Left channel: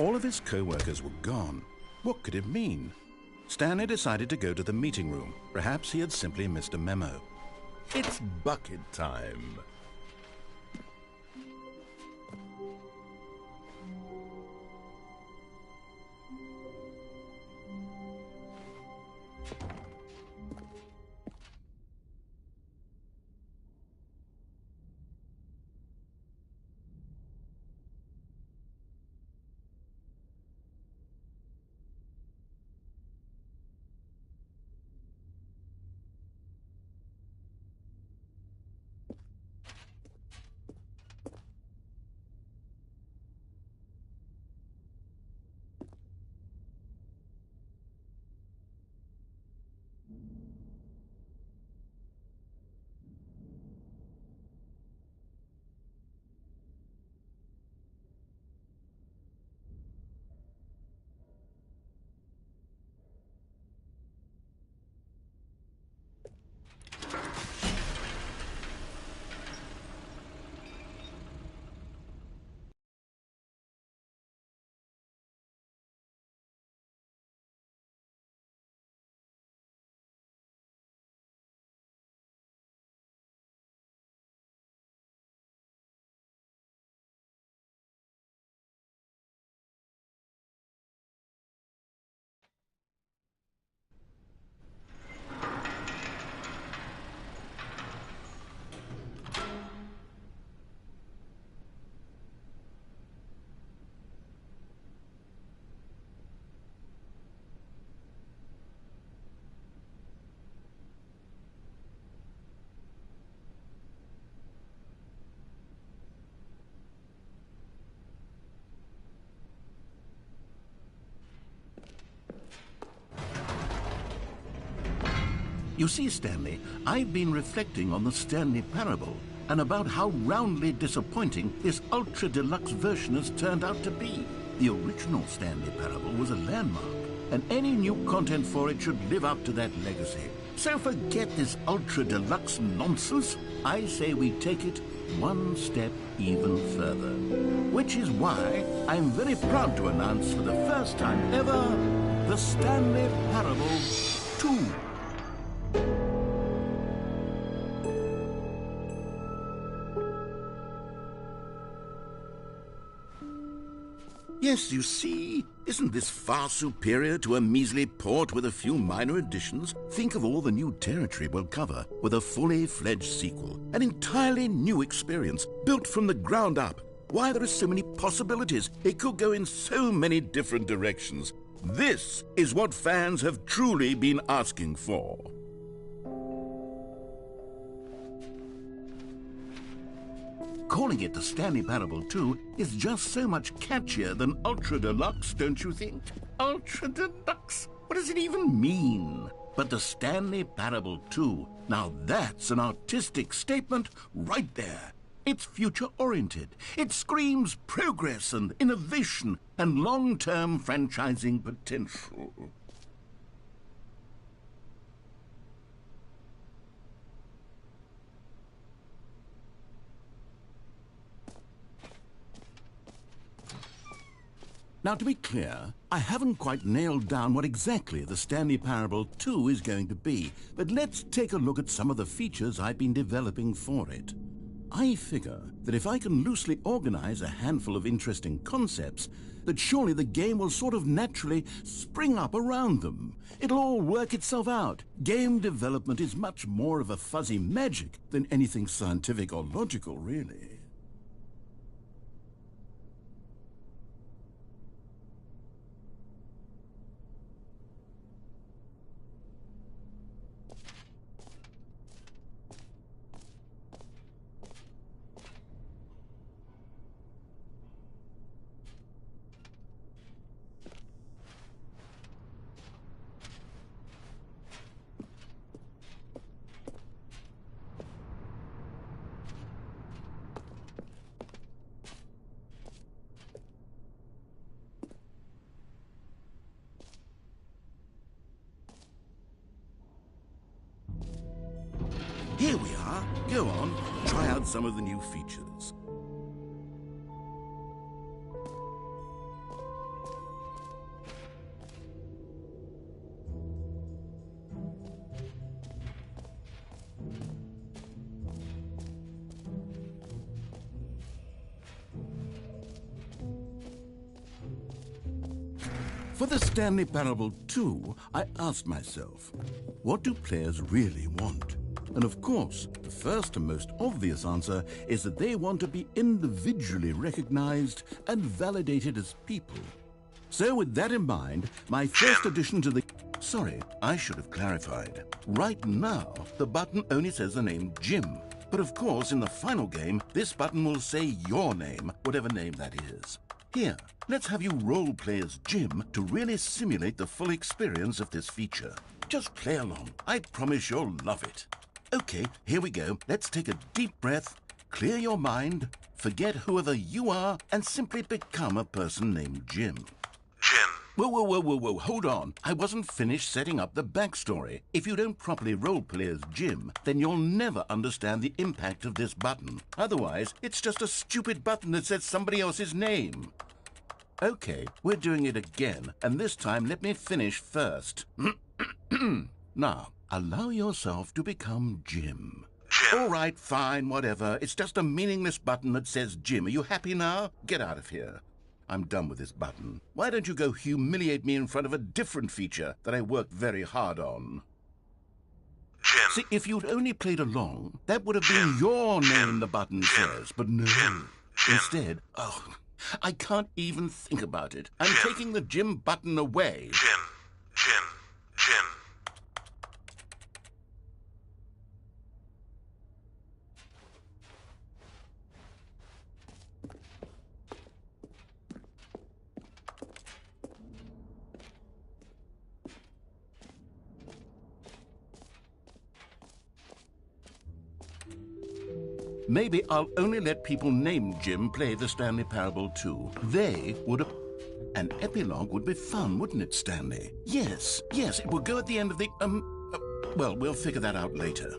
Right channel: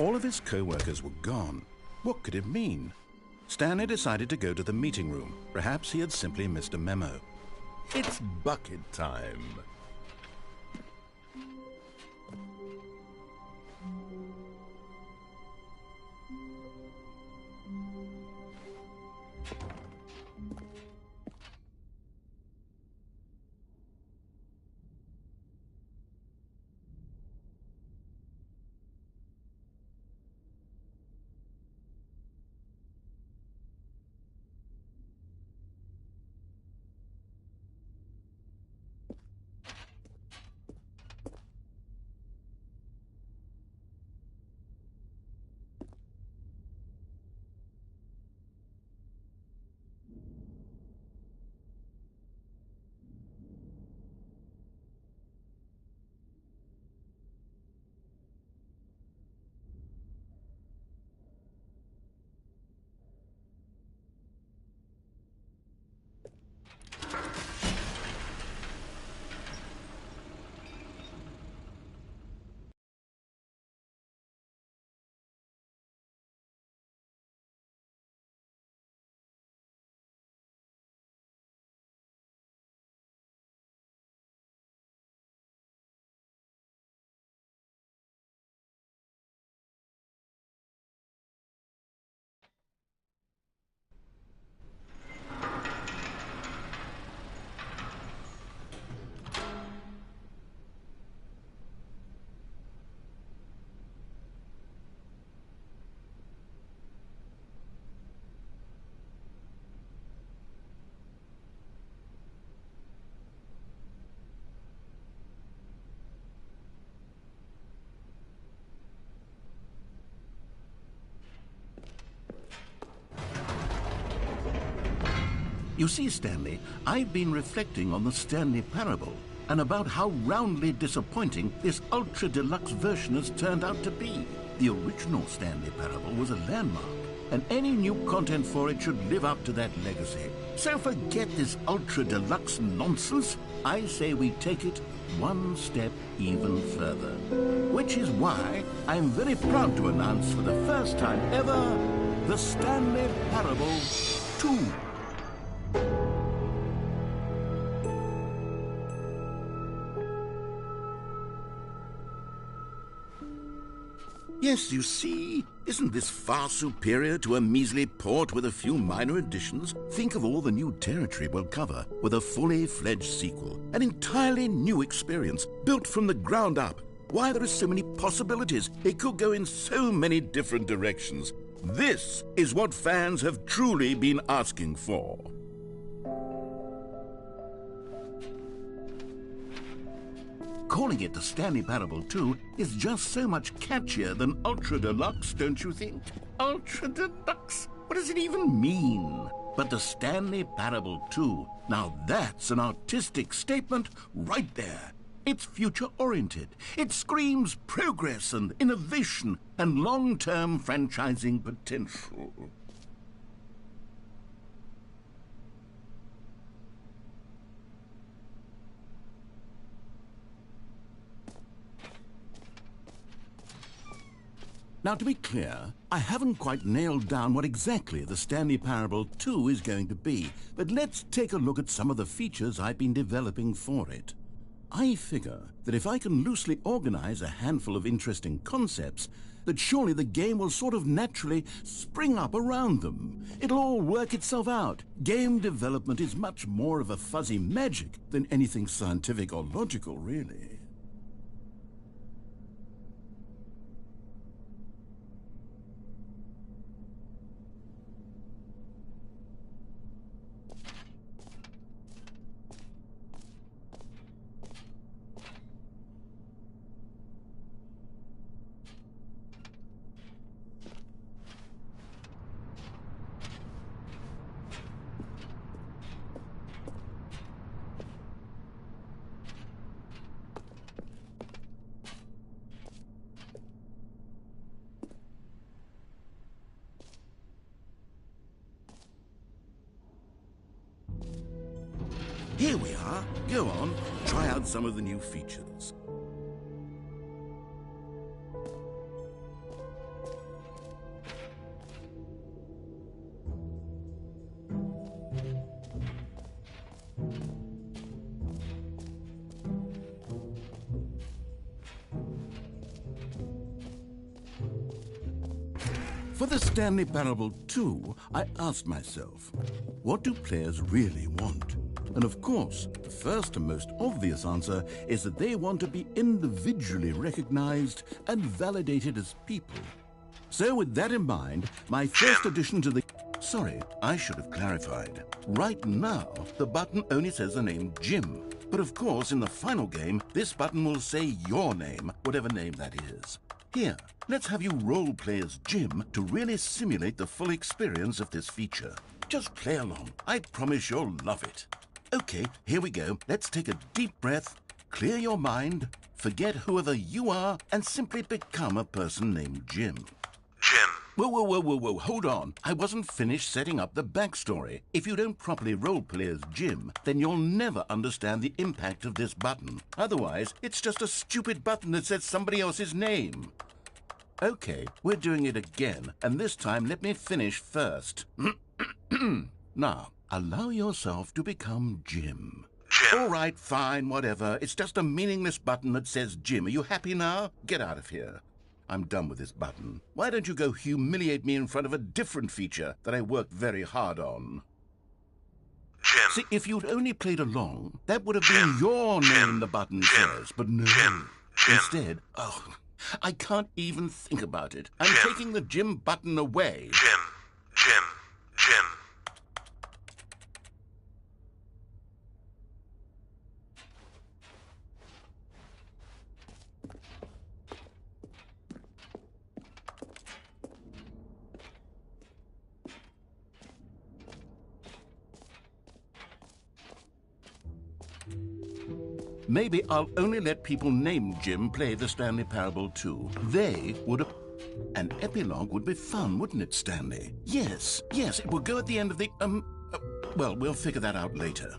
All of his co-workers were gone. What could it mean? Stanley decided to go to the meeting room. Perhaps he had simply missed a memo. It's bucket time. You see, Stanley, I've been reflecting on the Stanley parable and about how roundly disappointing this ultra-deluxe version has turned out to be. The original Stanley parable was a landmark, and any new content for it should live up to that legacy. So forget this ultra-deluxe nonsense. I say we take it one step even further. Which is why I'm very proud to announce for the first time ever, the Stanley Parable 2. Yes, you see, isn't this far superior to a measly port with a few minor additions? Think of all the new territory we'll cover with a fully fledged sequel, an entirely new experience, built from the ground up. Why, there are so many possibilities. It could go in so many different directions. This is what fans have truly been asking for. Calling it the Stanley Parable 2 is just so much catchier than Ultra Deluxe, don't you think? Ultra Deluxe? What does it even mean? But the Stanley Parable 2, now that's an artistic statement right there. It's future-oriented. It screams progress and innovation and long-term franchising potential. Now, to be clear, I haven't quite nailed down what exactly the Stanley Parable 2 is going to be, but let's take a look at some of the features I've been developing for it. I figure that if I can loosely organize a handful of interesting concepts, that surely the game will sort of naturally spring up around them. It'll all work itself out. Game development is much more of a fuzzy magic than anything scientific or logical, really. Here we are. Go on, try out some of the new features. For the Stanley Parable 2, I asked myself, what do players really want? And of course, the first and most obvious answer is that they want to be individually recognized and validated as people. So with that in mind, my first addition to the... Sorry, I should have clarified. Right now, the button only says the name Jim. But of course, in the final game, this button will say your name, whatever name that is. Here, let's have you role-play as Jim to really simulate the full experience of this feature. Just play along. I promise you'll love it. Okay, here we go. Let's take a deep breath, clear your mind, forget whoever you are, and simply become a person named Jim. Jim. Whoa, hold on. I wasn't finished setting up the backstory. If you don't properly roleplay as Jim, then you'll never understand the impact of this button. Otherwise, it's just a stupid button that says somebody else's name. Okay, we're doing it again, and this time let me finish first. Now, allow yourself to become Jim. Jim. All right, fine, whatever. It's just a meaningless button that says Jim. Are you happy now? Get out of here. I'm done with this button. Why don't you go humiliate me in front of a different feature that I worked very hard on? Jim. See, if you'd only played along, that would have been your name the button says. But no. Jim. Instead, I can't even think about it. I'm taking the Jim button away. Jim. maybe I'll only let people named Jim play the Stanley Parable 2. They would... An epilogue would be fun, wouldn't it, Stanley? Yes, it will go at the end of the... well, we'll figure that out later.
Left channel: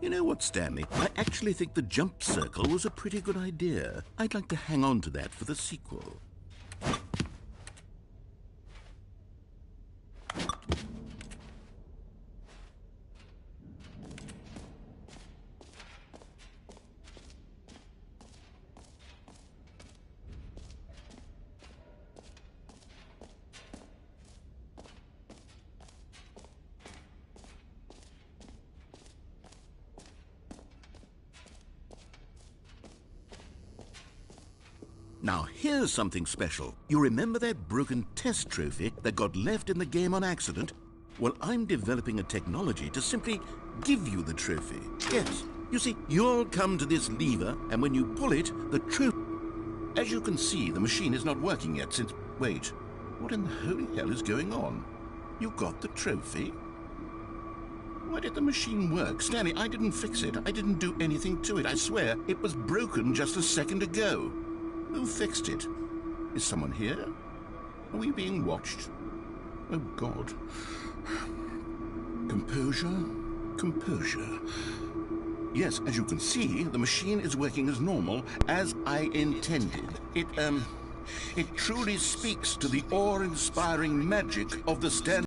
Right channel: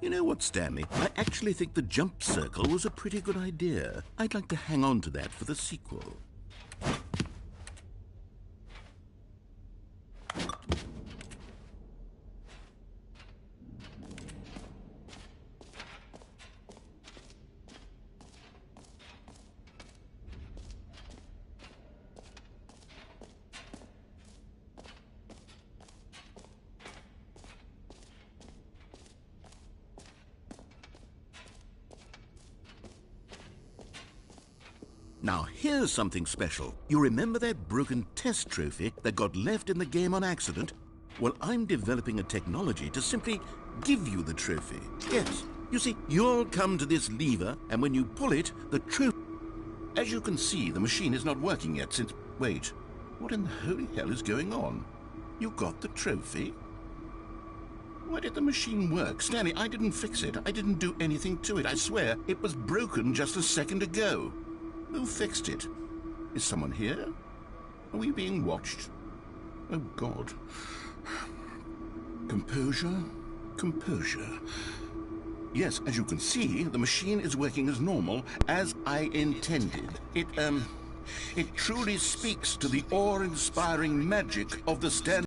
You know what, Stanley? I actually think the jump circle was a pretty good idea. I'd like to hang on to that for the sequel. Now, here's something special. You remember that broken test trophy that got left in the game on accident? Well, I'm developing a technology to simply give you the trophy. Yes, you see, you'll come to this lever, and when you pull it, the trophy... As you can see, the machine is not working yet since... Wait, what in the holy hell is going on? You got the trophy? Why did the machine work? Stanley, I didn't fix it. I didn't do anything to it. I swear, it was broken just a second ago. Who fixed it? Is someone here? Are we being watched? Oh, God. Composure, composure. Yes, as you can see, the machine is working as normal, as I intended. It truly speaks to the awe-inspiring magic of the Stanley